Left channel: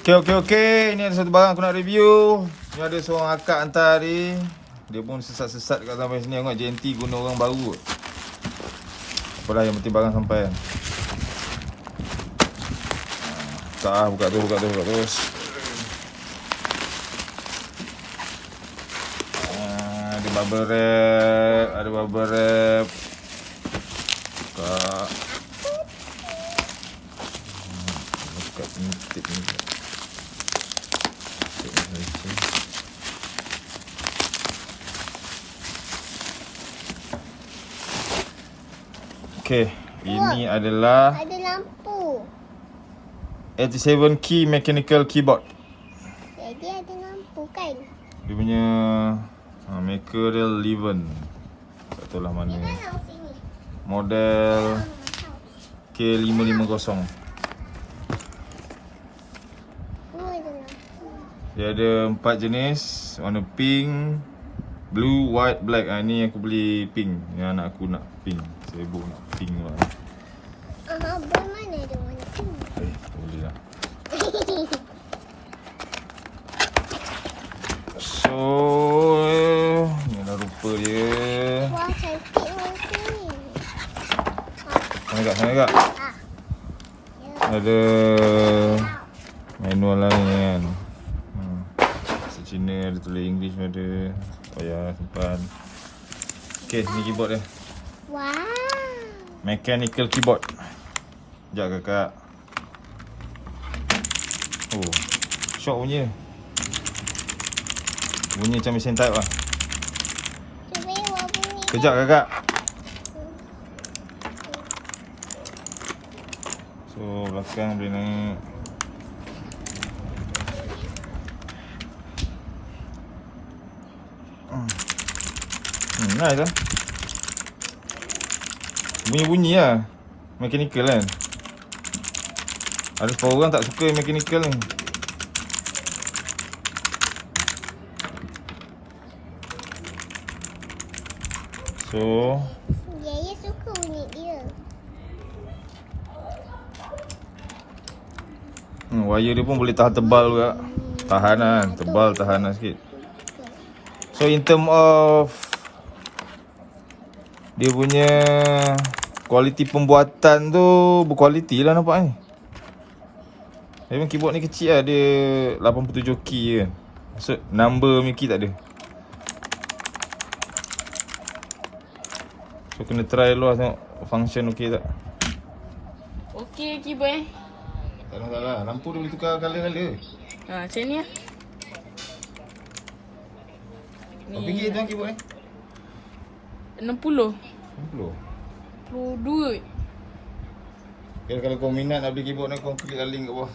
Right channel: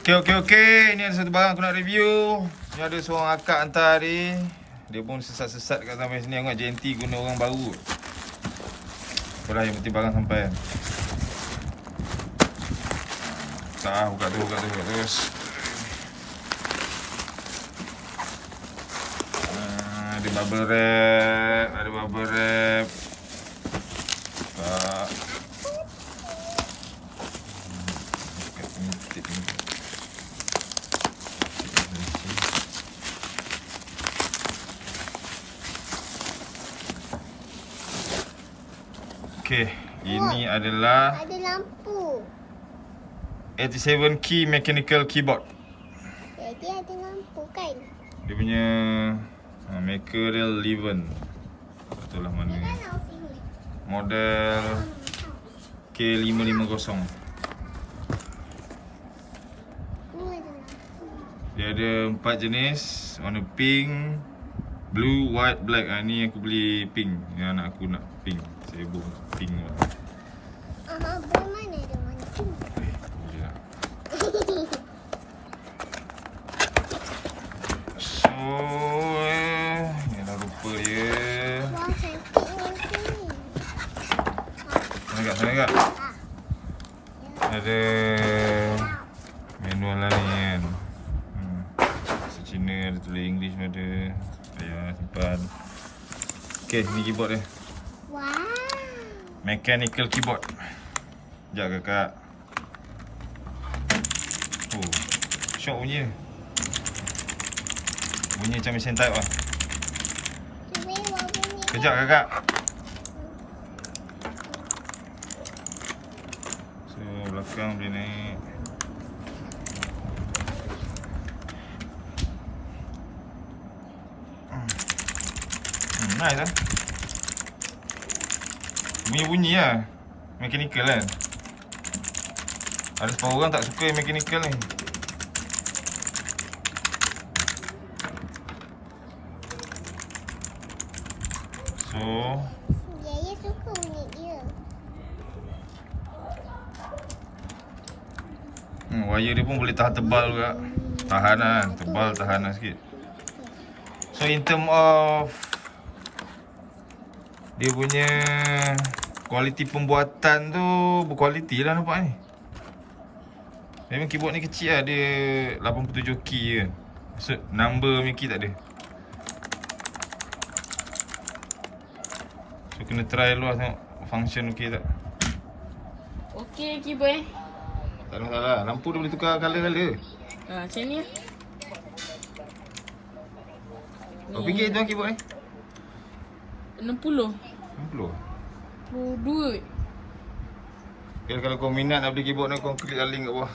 Okey. Ni ada satu barang aku nak review. Ni ada seorang akak hantar tadi. Dia pun sesat-sesat kat sampai sini. Tengok JNT guna orang baru. Apa dah, yang penting barang sampai kan. Buka terus. Ada bubble wrap. Buka. Buka tip ni. Okey, ini adalah Ada lampu. 87 key mechanical keyboard. Jadi ada lampu kan? Dia punya Mackerel Leven. Tak tahulah mana. Model K550. Dia ada 4 jenis, warna pink, blue, white, black. Ni aku beli pink. Ni anak aku nak pink. Sibuk nak pink. Abang mana ada warna pink? Tak boleh lah. So, ni dah rupa je. Wah, cantik warna. Sana kak. Ada manual lah ni kan. Bahasa Cina, ada tulis English pun ada. Payah simpan. Okay, ni keyboard dia. Wow. Mechanical keyboard. Sekejap kakak. Oh, shock bunyi. Bunyi macam mesin type lah. Cuba yang warna ni. Kejap kakak. So, belakang boleh naik. Nice lah. Bunyi lah. Mechanical kan. Ada setengah orang tak suka mechanical ni. So, Yaya suka bunyi dia. wire dia pun boleh tahan tebal juga. Tahan lah. Tebal, tahan lah sikit. So, in term of dia punya kualiti pembuatan tu berkualiti lah nampak ni. Memang keyboard ni kecil lah. Dia 87 key je kan. Maksud number punya key tak ada. So kena try dulu lah tengok function okey tak. Okey keyboard Tak ada masalah. Lampu dia boleh tukar colour-colour. macam ni lah. Berapa ringgit tuan keyboard ni? 60 60. 22. Okay, kalau kau minat nak beli keyboard ni, kau klik link kat bawah.